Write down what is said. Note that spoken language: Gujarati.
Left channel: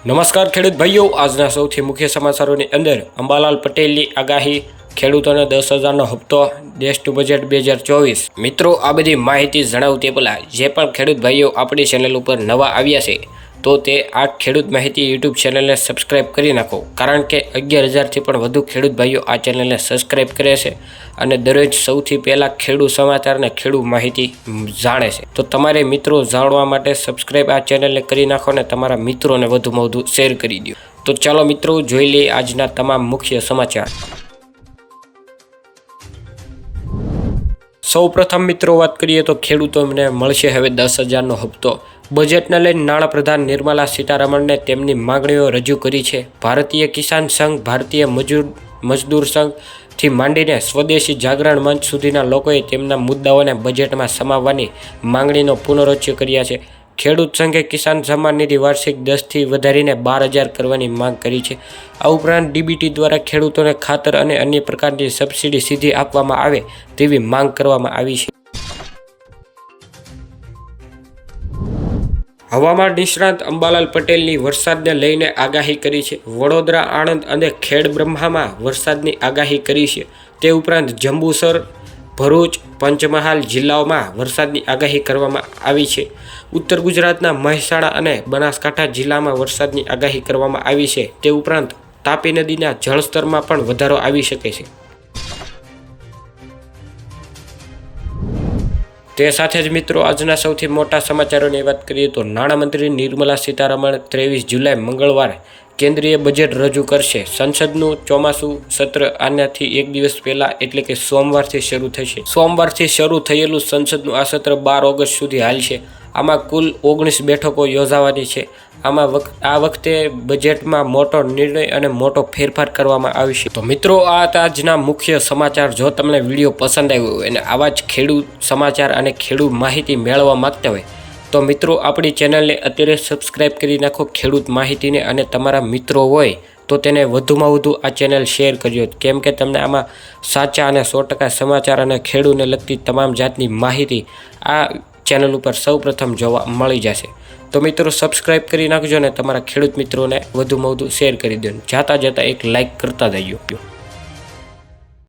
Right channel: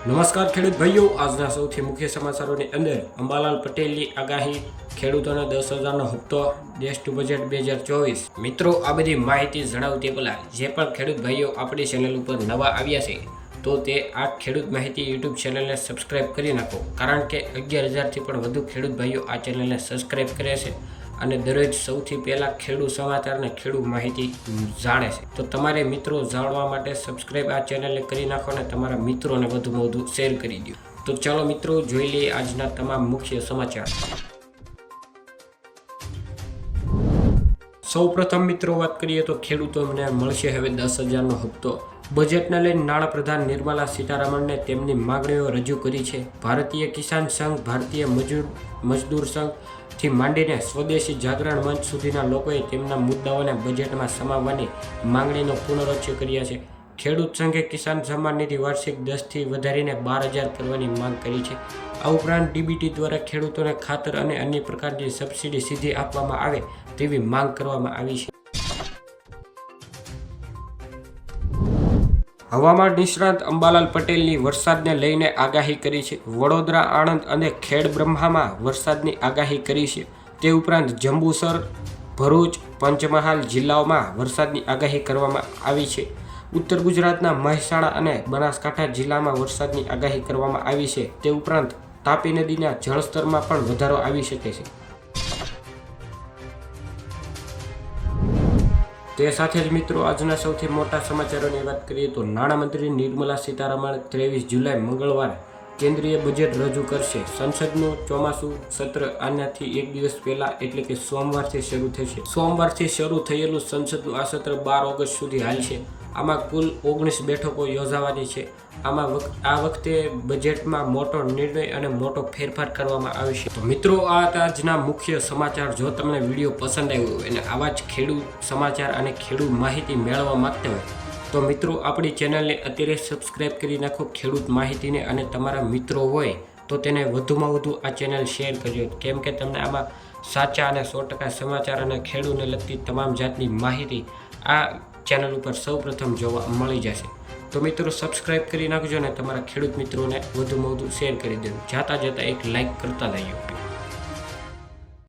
નમસ્કાર ખેડૂત ભાઈઓ, આજના સૌથી મુખ્ય સમાચારોની અંદર અંબાલાલ પટેલની આગાહી, ખેડૂતોને 10,000નો હપ્તો, દેશનું બજેટ 2024। મિત્રો, આ બધી માહિતી જણાવું તે પહેલાં જે પણ ખેડૂત ભાઈઓ આપણી ચેનલ ઉપર નવા આવ્યા છે તો તે આ ખેડૂત માહિતી યુટ્યુબ ચેનલને સબસ્ક્રાઈબ કરી નાખો, કારણ કે 11,000થી પણ વધુ ખેડૂત ભાઈઓ આ ચેનલને સબસ્ક્રાઈબ કરે છે અને દરરોજ સૌથી પહેલાં ખેડૂત સમાચાર અને ખેડૂત માહિતી જાણે છે। તો તમારે મિત્રો જાણવા માટે સબસ્ક્રાઈબ આ ચેનલને કરી નાખો અને તમારા મિત્રોને વધુમાં વધુ શેર કરી દો। તો ચાલો મિત્રો, જોઈ લઈએ આજના તમામ મુખ્ય સમાચાર। સૌપ્રથમ મિત્રો વાત કરીએ તો ખેડૂતોને મળશે હવે 10,000નો હપ્તો। બજેટને લઈને નાણાપ્રધાન નિર્મલા સીતારમણને તેમની માંગણીઓ રજૂ કરી છે। ભારતીય કિસાન સંઘ, ભારતીય મજદૂર સંઘથી માંડીને સ્વદેશી જાગરણ મંચ સુધીના લોકોએ તેમના મુદ્દાઓને બજેટમાં સમાવવાની માંગણીનો પુનરોચ્ચાર કર્યા છે। ખેડૂત સંઘે કિસાન સન્માન નિધિ વાર્ષિક 10થી વધારીને 12,000 કરવાની માંગ કરી છે। આ ઉપરાંત ડીબીટી દ્વારા ખેડૂતોને ખાતર અને અન્ય પ્રકારની સબસિડી સીધી આપવામાં આવે તેવી માંગ કરવામાં આવી છે। હવામાન નિષ્ણાંત અંબાલાલ પટેલની વરસાદને લઈને આગાહી કરી છે। વડોદરા, આણંદ અને ખેડબ્રહ્મામાં વરસાદની આગાહી કરી છે। તે ઉપરાંત જંબુસર, ભરૂચ, પંચમહાલ જિલ્લાઓમાં વરસાદની આગાહી કરવામાં આવી છે। ઉત્તર ગુજરાતના મહેસાણા અને બનાસકાંઠા જિલ્લામાં વરસાદની આગાહી કરવામાં આવી છે। તે ઉપરાંત તાપી નદીના જળસ્તરમાં પણ વધારો આવી શકે છે। તે સાથે જ મિત્રો, આજના સૌથી મોટા સમાચારોની વાત કરીએ તો નાણામંત્રી નિર્મલા સીતારમણ 23 જુલાઈ મંગળવારે કેન્દ્રીય બજેટ રજૂ કરશે। સંસદનું ચોમાસું સત્ર આનાથી એક દિવસ પહેલા એટલે કે સોમવારથી શરૂ થશે। સોમવારથી શરૂ થયેલું સંસદનું આ સત્ર 12 ઓગસ્ટ સુધી હાલશે। આમાં કુલ 19 બેઠકો યોજાવાની છે। આ વખતે બજેટમાં મોટો નિર્ણય અને મોટો ફેરફાર કરવામાં આવશે। તો મિત્રો, આ હતા આજના મુખ્ય સમાચાર। જો તમને વિડીયો પસંદ આવ્યો હોય અને આવા જ ખેડૂત સમાચાર અને ખેડૂત માહિતી મેળવવા માંગતા હોય તો મિત્રો, આપણી ચેનલને અત્યારે સબસ્ક્રાઈબ કરી નાખો ખેડૂત માહિતીને, અને તમારા મિત્રો હોય તો તેને વધુમાં વધુ આ ચેનલ શેર કરજો, કેમ કે તમને આમાં સાચા અને 100% સમાચાર અને ખેડૂતને લગતી તમામ જાતની માહિતી આ ચેનલ ઉપર સૌપ્રથમ જોવા મળી જશે। તો મિત્રો, સબસ્ક્રાઈબ કરી નાખજો અને તમારા ખેડૂત મિત્રોને વધુમાં વધુ શેર કરી દો। જાતા એક લાઈક કરતા જજો।